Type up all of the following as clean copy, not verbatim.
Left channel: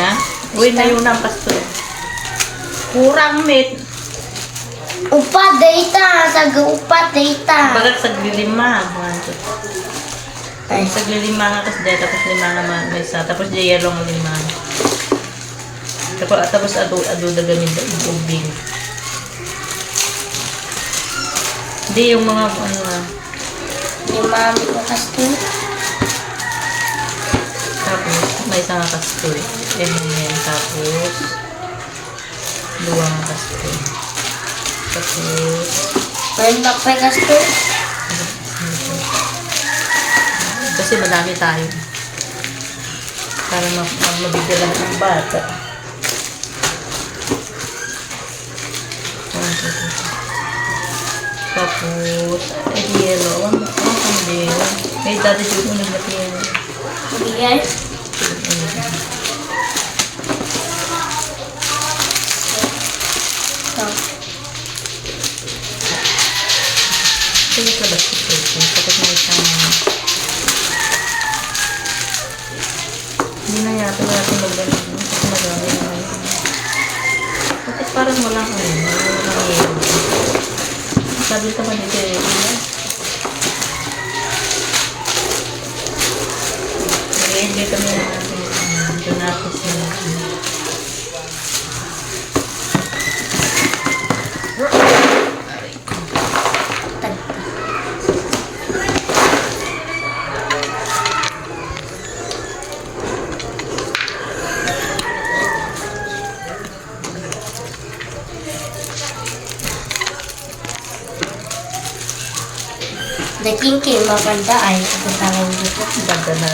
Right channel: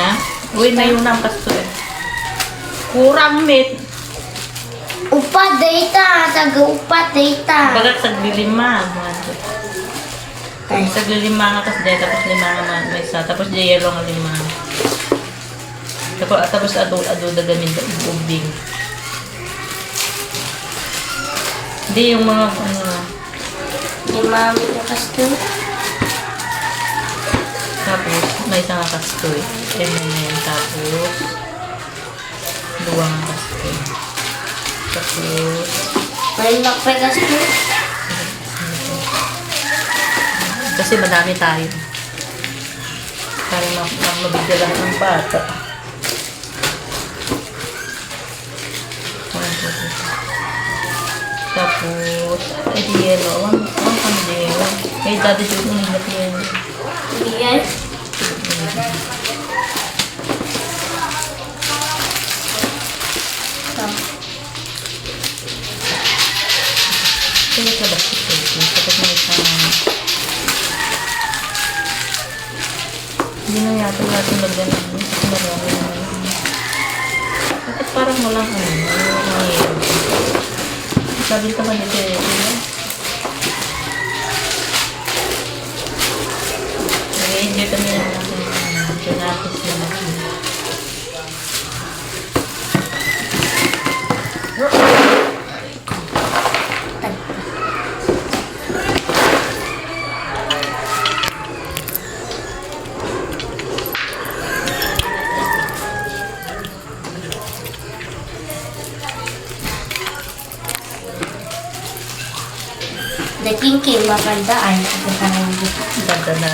Ha? Uy, na yun ang pasto eh. Kurang meat. Upat data, taga-upat data. Bagat saglilima. Ay, saglilima nga kasi dahil tapos lima nga may isa. Tapos di yellow nga lima. Tapos ado ganyan yung ubing. Hindi yung mga ano nga. Yung mami ko kasto. Tapos may isang kastoy. Ganyan. Tapos luwang kastoy. Tapos May magpagasto. kasi madami tayo. Para mabigyan ng bata. Tapos, ay di yellow. Awan kami din. May dati dito yung hinap yun. Hindi yan. Kaya sa basket ko. Tapos may isang hindi na yata magganap. Kasi madami na yun. Bakit parang walang ano? Walang yellow. Sabi ka ba dito eh? Nag-enjoy kami na natin. Donatis na natin. The king maganda ay ito parang dito. Ganda na.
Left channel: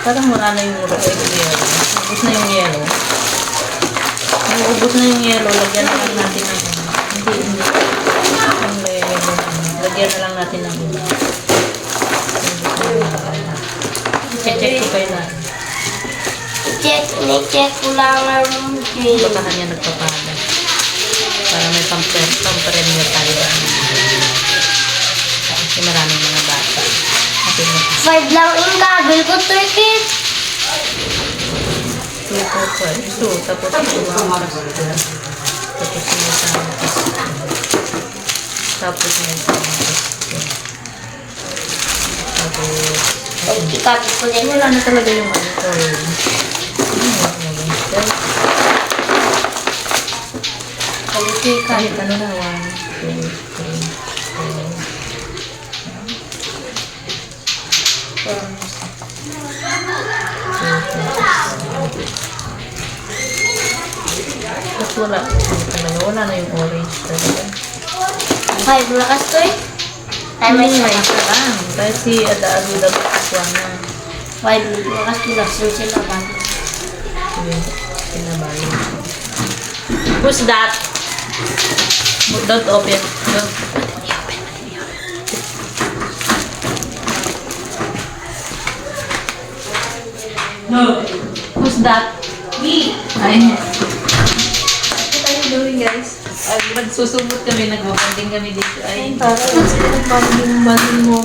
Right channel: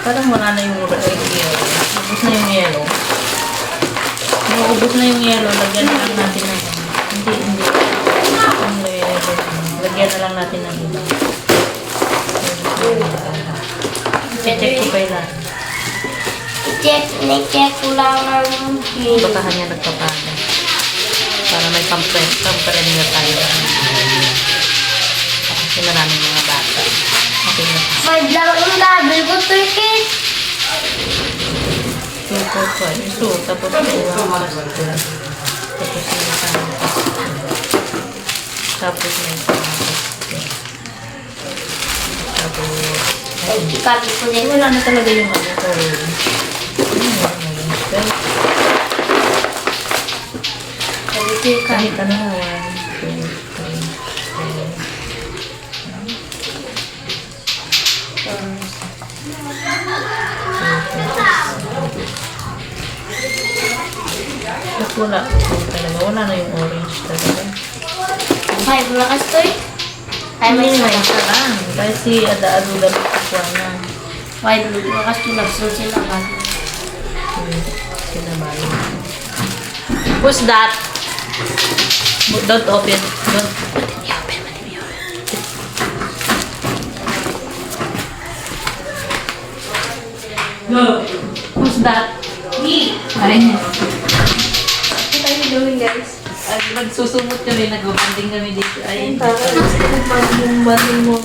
Parang wala na yung yellow. Ubus na yung yellow. Yung ubus na yung yellow, lagyan na lang natin ng hindi. Lagyan na lang natin ng iba. I-check ko kailan. I-check ko lang ang green. Baka niya nagpapada. Para may pampremyo tayo. Kasi maraming mga bata. Okay na. 5 lang yung level ko, Turkit. 2, 4, 5. 2, tapos 2 ang pasto. Tapos may isang pasto. Tapos may isang pasto. Tapos, Ay, ikabi ko din. wala na talaga yung ano ko. Kahit ano na, 1, 2, 3, 4. Tapos wala talaga. Wala na yung orange talaga. 5 na kastoy. Ay, May may may isa. isa lang. Dahil si Ada-Aluda magkukuha na. 5 na kastoy. Nagsun sila ba? Kinabali. Who's that? Don't open. Don't. No. Who's that? Me. Ay. Ano tayo gawin, guys? Ay, magsusumot kami, nagbabanding kami dito. Ay, Nagpapagbumbanding mo.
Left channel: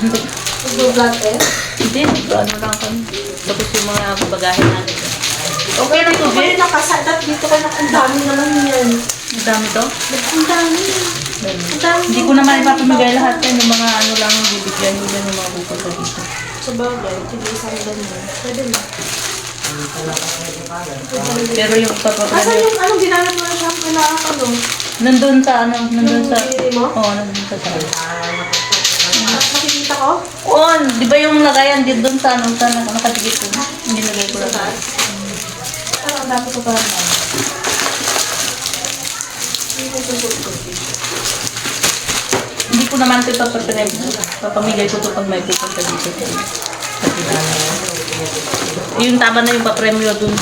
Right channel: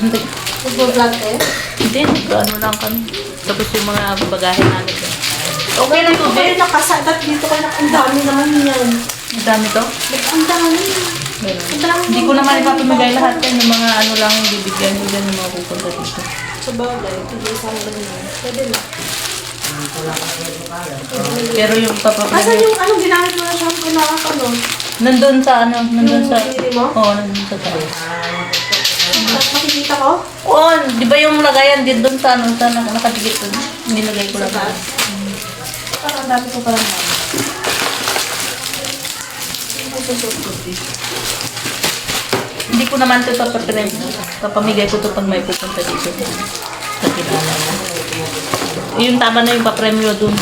hindi. Nagbablog eh. Hindi, ano lang kami. Tapos yung mga bagahe namin. Okay na ito. Okay, nakasadat dito ka na. Ang dami naman yan. Ang dami to? Ang dami. Hindi ko naman ipapamigay lahat yan. Yung mga ano lang yung bibigyan nila yung mga pupunta dito. Sa bagay, hindi isang ganyan. Pwede na. Pero yung kapag Asan yung anong ginamit mo na shampoo na ano? nandun sa ano, nandun sa... Pinili mo? Oo, nandun sa taas. Makikita ko? Oo, di ba yung lagayan din doon sa ano, sa nakadikit ko? Nilagay ko lang. Ang dami ko pa naman. Hindi ko naman ito papapirin. Papamigay ko ito pag may pupunta dito. Sa kilala. Yung tama na yung papremyo doon.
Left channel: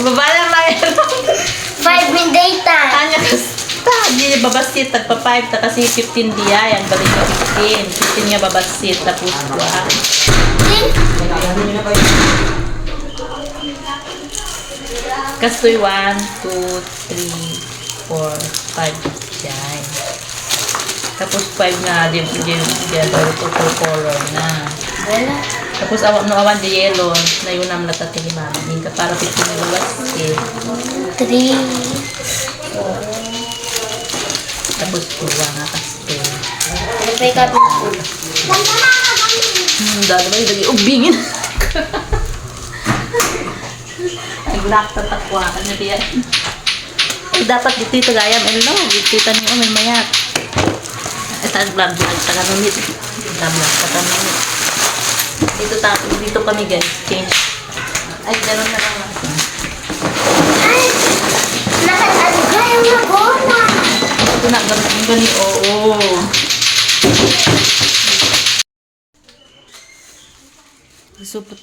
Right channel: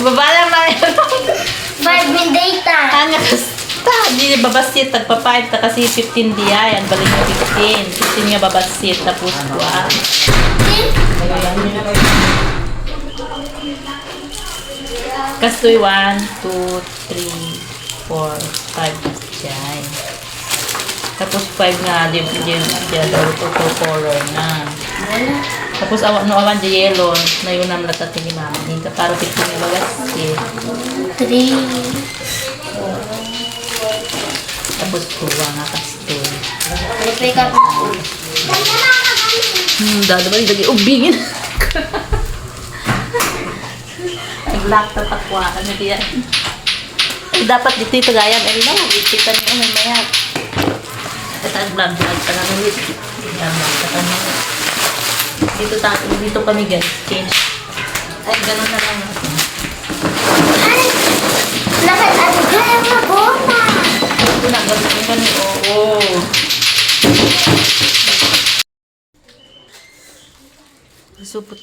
Baba lang na yan. 5 min data. Kanya kasta. Di babasit. Tagpa-5. Kasi 15 diya. Yan. Balik na 15. 15 nga babasit. Tapos kuha. Kastoy 1, 2, 3, 4, 5. Yan. Tapos 5 nga, di to color na. Tapos awan di yellow, na yun ang latat ni mama. Hindi ka para pikin nila kasi. 3. Tapos 2 nga kastoy. Pwede ka po. Dami na ubingin. Nag-lock tatakwa. Ano diyan? Ay, dapat dito gayam. Hello, dito ni Uno maya. Ito ang vlog pa lang ulit. Vlog pa lang. Dito kami guys. Change. Ay, ganun na lang. Ay! Lahat ano dyan na goma. Ito na, ganun. Oo. Supot